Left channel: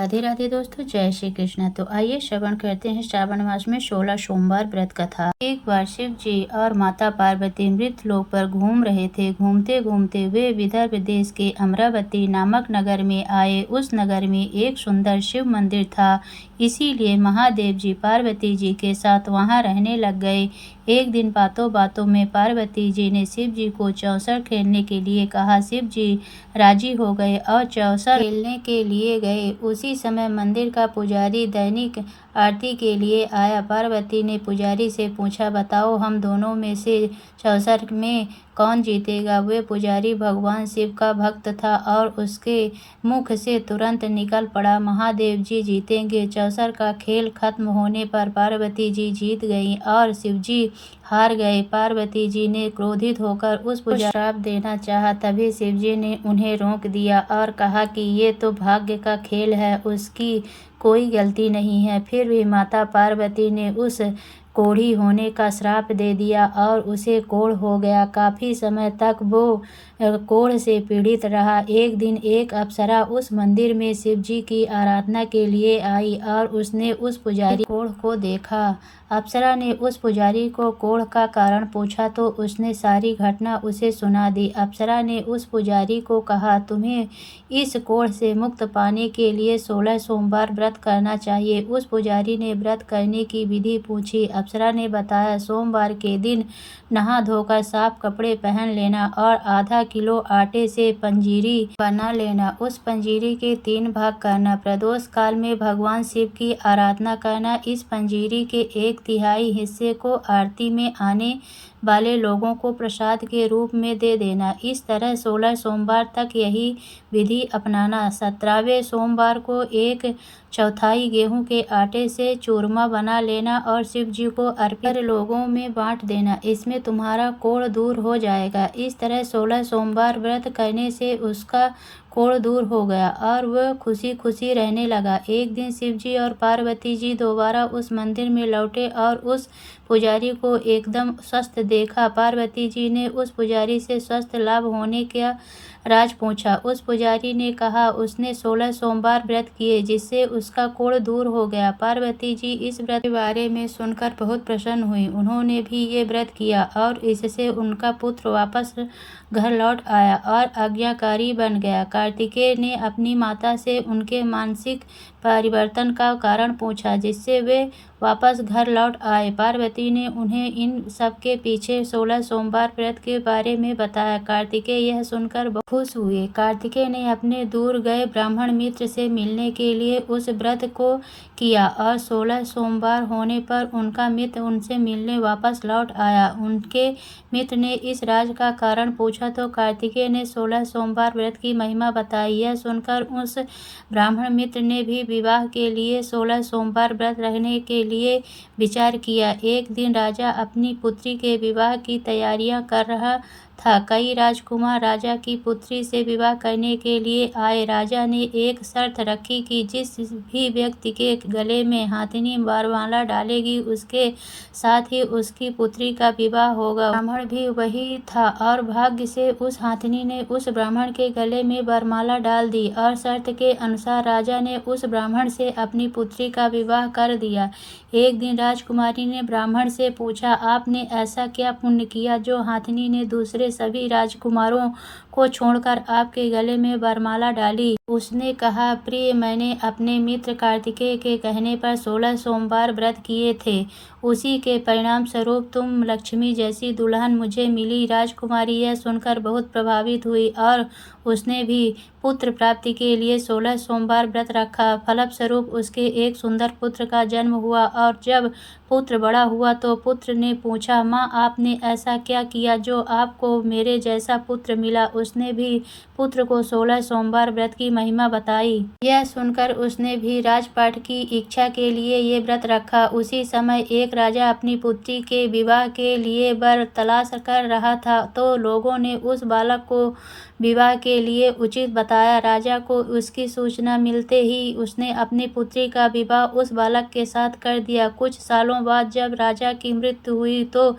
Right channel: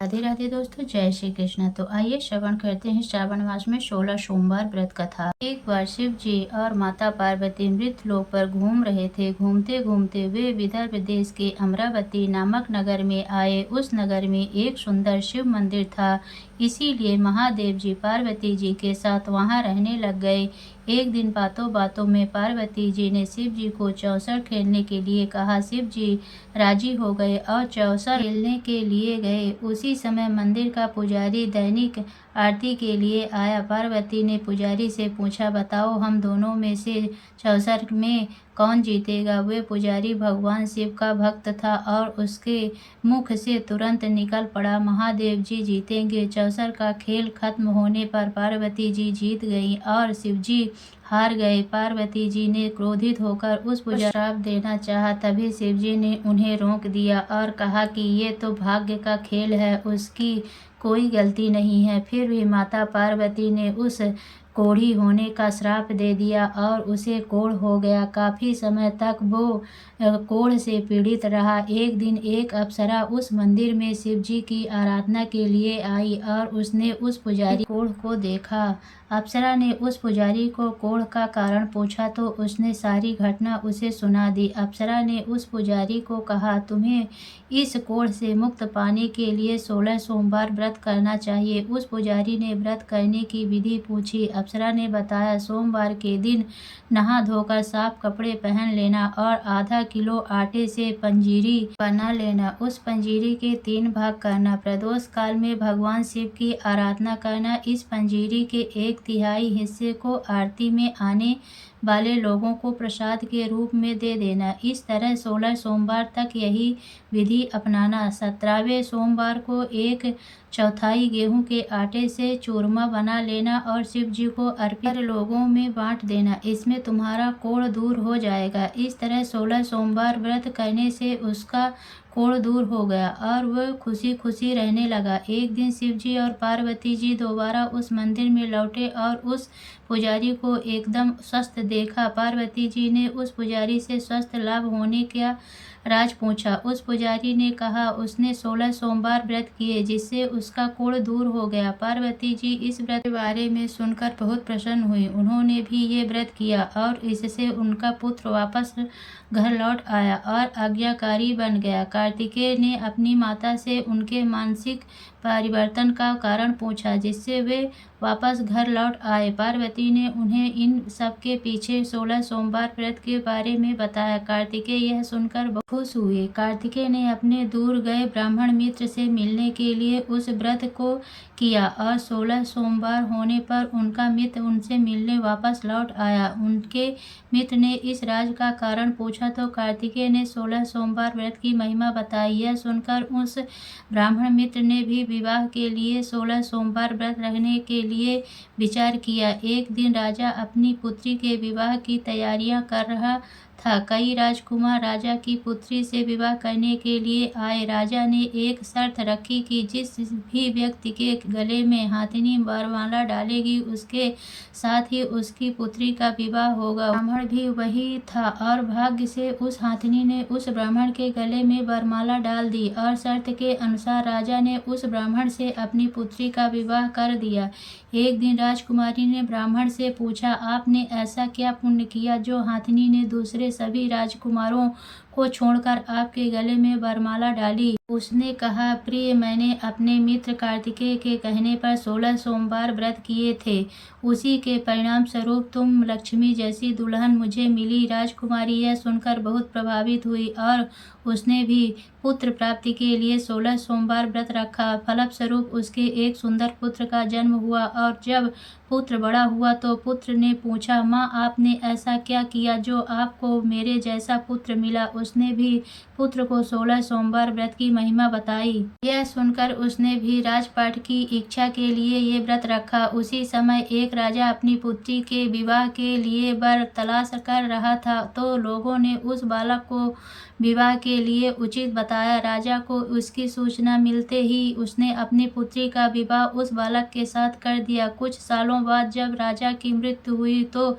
राधे राधे दोस्तों, जय श्री कृष्ण। तो आइए श्रवण करते हैं श्रावण मास में 16 सोमवार व्रत कथा। एक बार शिव जी और माता पार्वती मृत लोक पर घूम रहे थे। घूमते घूमते वे विदर्भ देश के अमरावती नामक नगर में आए। उस नगर में एक सुंदर शिव मंदिर था, इसीलिए महादेव जी पार्वती जी के साथ वहां रहने लग गए। एक दिन बातों बातों में पार्वती जी ने शिव जी को चौसर खेलने के लिए कहा। शिव जी राजी हो गए और चौसर खेलने के लिए गए। उसी समय मंदिर का पुजारी दैनिक आरती के लिए आया। पार्वती ने पुजारी से पूछा, बताओ हम दोनों में से चौसर में कौन जीतेगा। वे पुजारी भगवान शिव का भक्त था और उसके मुख से तुरंत निकल पड़ा, महादेव जी जीतेंगे। चौसर का खेल खत्म होने पर पार्वती जी जीत गईं और शिव जी हार गए। पार्वती जी ने क्रोधित होकर उस पुजारी को श्राप देना चाहा, तभी शिव जी ने उन्हें रोक दिया और कहा कि ये तो भाग्य का खेल है, उसकी कोई गलती नहीं है। फिर भी माता पार्वती ने उस कोढ़ी होने का श्राप दे दिया और उसे कोढ़ हो गया। काफी समय तक वो कोढ़ से पीड़ित रहा। एक दिन एक अप्सरा उस मंदिर में शिव जी की आराधना के लिए आई और उसने उस पुजारी कोढ़ को देखा। अप्सरा ने उस पुजारी को कोढ़ का कारण पूछा तो उसने सारी घटना उसे सुना दी। अप्सरा ने उस पुजारी को कहा, तुम्हें इस कोढ़ से मुक्त पाने के लिए 16 सोमवार व्रत करना चाहिए। उस पुजारी ने व्रत करने की विधि पूछी। अप्सरा ने बताया, सोमवार के दिन नहा धोकर साफ कपड़े पहन लेना और आधा किलो आटे से पंजीरी बना लेना। उस पंजीरी के 3 भाग करना। प्रदोष काल में भगवान शिव की आराधना करना। इस पंजीरी के 1/3 हिस्से को आरती में आने वाले लोगों को प्रसाद के रूप में दे देना। इस तरह 16 सोमवार तक यही विधि अपनाना। 17वें सोमवार को 1/4 गेहूं के आटे से चूरमा बना लेना और शिव जी को अर्पित कर लोगों में बांट देना। इसमें तुम्हारा कोढ़ दूर हो जाएगा। इस तरह 16 सोमवार व्रत करने से उसका कोढ़ दूर हो गया और वह खुशी खुशी रहने लगा। एक दिन शिव जी और पार्वती जी दोबारा उस मंदिर में लौटे और उस पुजारी को एकदम स्वस्थ देखा। पार्वती जी ने उस पुजारी से स्वस्थ लाभ होने का राज पूछा। उस पुजारी ने कहा उसने 16 सोमवार व्रत किए जिससे उसका कोढ़ दूर हो गया। पार्वती जी इस व्रत के बारे में सुनकर बहुत प्रसन्न हुई। उन्होंने भी ये व्रत किया और इससे उनका पुत्र वापस घर लौट आया और आज्ञाकारी बन गया। कार्तिकेय ने अपनी माता से उनके मानसिक परिवर्तन का कारण पूछा जिससे वे वापस घर लौट आए। पार्वती ने उन्हें इन सब के पीछे 16 सोमवार व्रत के बारे में बताया। कार्तिकेय यह सुनकर बहुत खुश हुए। कार्तिकेय ने अपने दूर गए ब्राह्मण मित्र से मिलने के लिए उस व्रत को किया और 16 सोमवार होने पर उनका मित्र उनसे मिलने वापस लौट आया। उनके मित्र ने इस राज का कारण पूछा तो कार्तिकेय ने 16 सोमवार व्रत की महिमा बताई। यह सुनकर उस ब्राह्मण मित्र ने भी विवाह के लिए 16 सोमवार व्रत रखने के लिए विचार किया। एक दिन राजा अपनी पुत्री के विवाह की तैयारियां कर रहा था। कई राजकुमार राजा की पुत्री से विवाह करने के लिए आए। राजा ने एक शर्त रखी कि जिस भी व्यक्ति के गले में हाथिनी वरमाला डालेगी उसके साथ ही उसकी पुत्री का विवाह होगा। ब्राह्मण भी वही था और भाग्य से उस हाथिनी ने उस ब्राह्मण के गले में वरमाला डाल दी और शर्त के अनुसार राजा ने उस ब्राह्मण से अपनी पुत्री का विवाह कर दिया। एक दिन राजकुमारी ने ब्राह्मण से पूछा, आपने ऐसा क्या पुण्य किया जो हाथिनी ने दूसरे सभी राजकुमारों को छोड़कर आपके गले में वरमाला डाली। उसने कहा, प्रिय, मैंने अपने मित्र कार्तिकेय के कहने पर 16 सोमवार व्रत किए थे। उसी के परिणाम स्वरूप तुम लक्ष्मी जैसी दुल्हन मुझे मिली। राजकुमारी यह सुनकर बहुत प्रभावित हुई और उसने भी पुत्र प्राप्ति के लिए 16 सोमवार व्रत रखा। फलस्वरूप उसके एक सुंदर पुत्र का जन्म हुआ और जब पुत्र बड़ा हुआ तो पुत्र ने पूछा, माँ, आपने ऐसा क्या किया जो आपको मेरे जैसा पुत्र मिला। उसने भी पुत्र को 16 सोमवार व्रत की महिमा बताई। यह सुनकर उसने भी राजपाट की इच्छा के लिए ये व्रत रखा। उसी समय एक राजा अपनी पुत्री के विवाह के लिए वर तलाश कर रहा था तो लोगों ने उस बालक को विवाह के लिए उचित बताया। राजा को उसकी सूचना मिलते ही उसने अपनी पुत्री का विवाह उस बालक के साथ कर दिया। कुछ सालों बाद जब राजा की मृत्यु हुई तो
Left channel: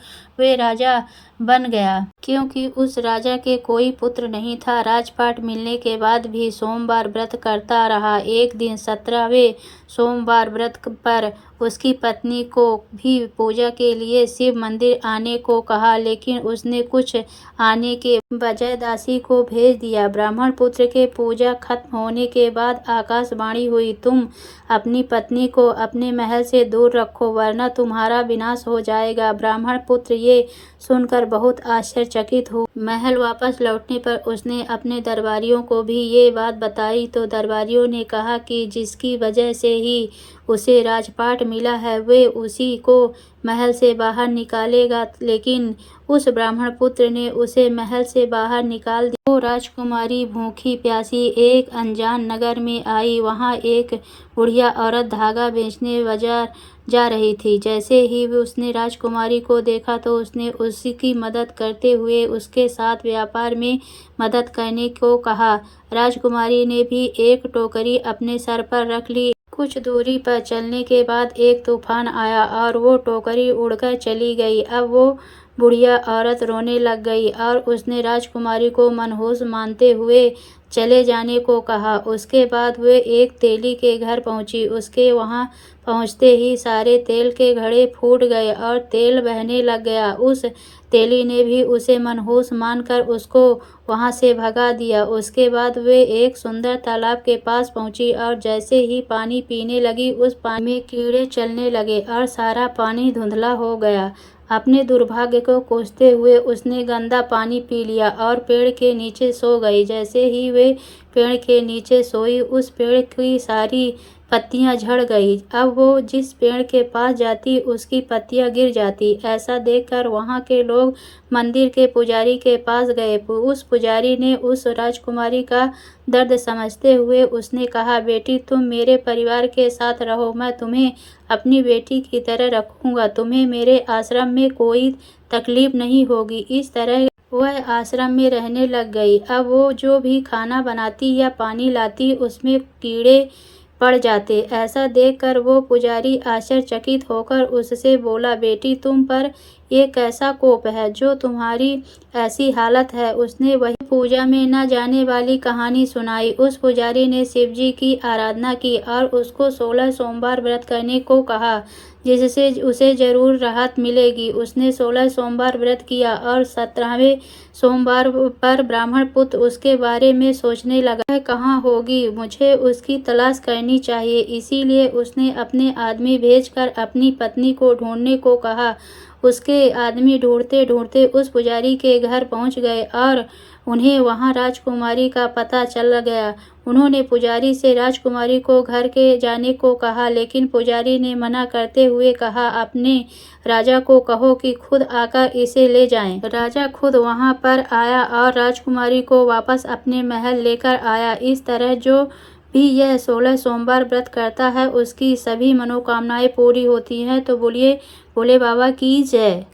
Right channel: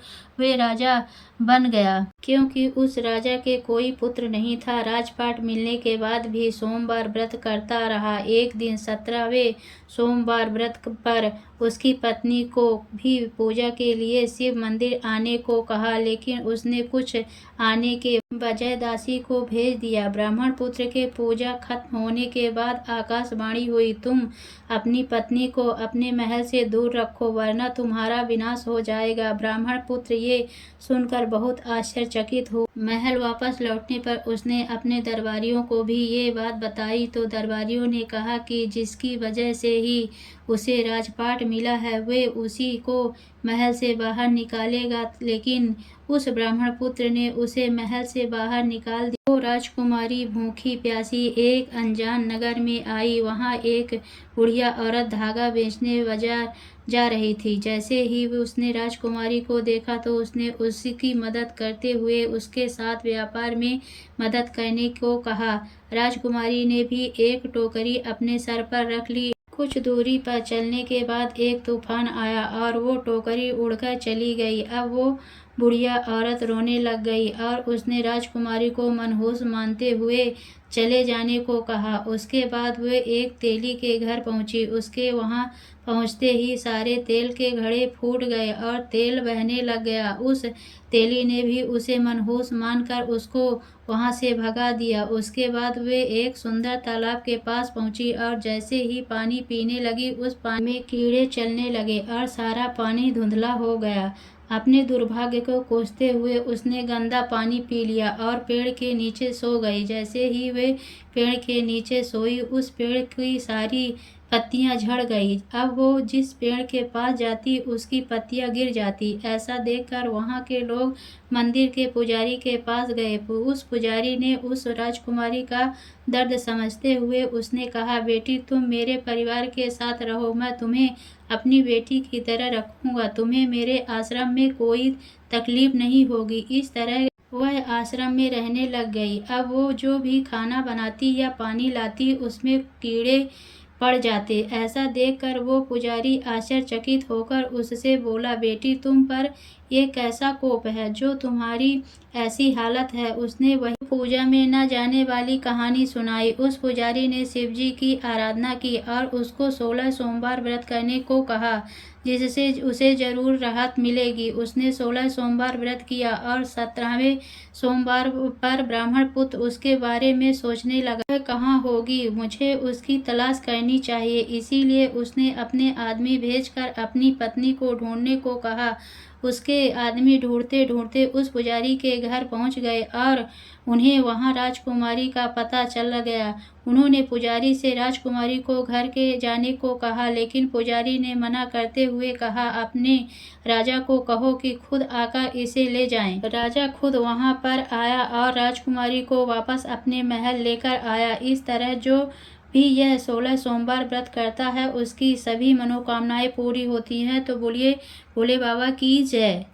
वे राजा बन गया। क्योंकि उस राजा के कोई पुत्र नहीं था, राजपाट मिलने के बाद भी सोमवार व्रत करता रहा। एक दिन 17वें सोमवार व्रत पर उसकी पत्नी को भी पूजा के लिए शिव मंदिर आने को कहा, लेकिन उसने कुछ आने के बजाय दासी को भेज दिया। ब्राह्मण पुत्र के पूजा खत्म होने के बाद आकाशवाणी हुई, तुम अपनी पत्नी को अपने महल से दूर रखो, वरना तुम्हारा विनाश हो जाएगा। ब्राह्मण पुत्र ये सुनकर बहुत आश्चर्यचकित हुआ। महल वापस लौटने पर उसने अपने दरबारियों को भी ये बात बताई, तो दरबारियों ने कहा कि जिसकी वजह से ही उसे राजपाट मिला है, वे उसी को महल से बाहर निकालेगा। लेकिन उस ब्राह्मण पुत्र ने उसे महल से बाहर निकाल दिया। वो राजकुमारी भूखी प्यासी एक अनजान नगर में आई। वहाँ एक बुढ़िया औरत धागा बेचने बाजार जा रही थी। जैसे ही उसने राजकुमारी को देखा तो उसने उसकी मदद करते हुए उसके साथ व्यापार में मदद करने को कहा। राजकुमारी ने भी एक टोकरी अपने सर पर रख ली। कुछ दूरी पर चलने के बाद एक तूफान आया और वो टोकरी उड़कर चली गई। अब वो बुढ़िया औरत रोने लग गई और उसने राजकुमारी को मनहूस मानते हुए चले जाने को कहा। उसके बाद वे एक तेली के घर पहुंची। उसके वहां पहुंचते ही सारे तेल के घड़े फूट गए और तेल बहने लग गया। उस तेली ने भी उसे मनहूस मानकर उसको वहां से भगा दिया। उसके बाद वे एक सुंदर तालाब के पास पहुंची और जैसे ही पानी पीने लगी, उस पानी में कीड़े चलने लगे और सारा पानी धुंधला हो गया। अपने दुर्भाग्य को कोसते हुए उसने गंदा पानी पी लिया और पेड़ के नीचे सो गई। जैसे ही वे पेड़ के नीचे सोई, उस पेड़ की सारी पत्तियां झड़ गई। अब वो जिस पेड़ के पास जाती उसकी पत्तियां गिर जाती। ऐसा देखकर वहां के लोग मंदिर के पुजारी के पास गए। उस पुजारी ने उस राजकुमारी का दर्द समझते हुए उसने कहा, बेटी तुम मेरे परिवार के साथ रहो, मैं तुम्हें अपनी बेटी की तरह रखूंगा, तुम्हें मेरे आश्रम में कोई तकलीफ नहीं होगी। इस तरह वह आश्रम में रहने लग गई। अब वो जो भी खाना बनाती या पानी लाती उसमें कीड़े पड़ जाते। ऐसा देखकर वो पुजारी आश्चर्यचकित होकर उससे बोला, बेटी तुम पर ये कैसा कोप है जो तुम्हारी ऐसी हालत है। उसने वही पूजा में न जाने वाली कहानी सुनाई। उस पुजारी ने शिवजी की आराधना की और उसको 16 सोमवार व्रत करने को कहा, जिससे उसे जरूर राहत मिलेगी। उसने 16 सोमवार व्रत किया और 17वें सोमवार पर ब्राह्मण पुत्र उसके बारे में सोचने लगा, वह कहाँ होगी, मुझे उसकी तलाश करनी चाहिए। इसीलिए उसने अपने आदमी भेजकर अपनी पत्नी को ढूंढने को कहा। उसके आदमी ढूंढते ढूंढते उस पुजारी के घर पहुंच गए और उन्हें वहां राजकुमारी का पता चल गया। उन्होंने पुजारी से राजकुमारी को घर के जाने को कहा, लेकिन पुजारी ने मना करते हुए कहा, अपने राजा को कहो कि खुद आकर इसे ले जाएं। राजा खुद वहां पर आया और राजकुमारी को वापस अपने महल लेकर आया। इस तरह जो भी यह 16 सोमवार व्रत करता है उसकी सभी मनोकामनाएं पूरी होती हैं। तो बोलिए भोले बाबा की जय।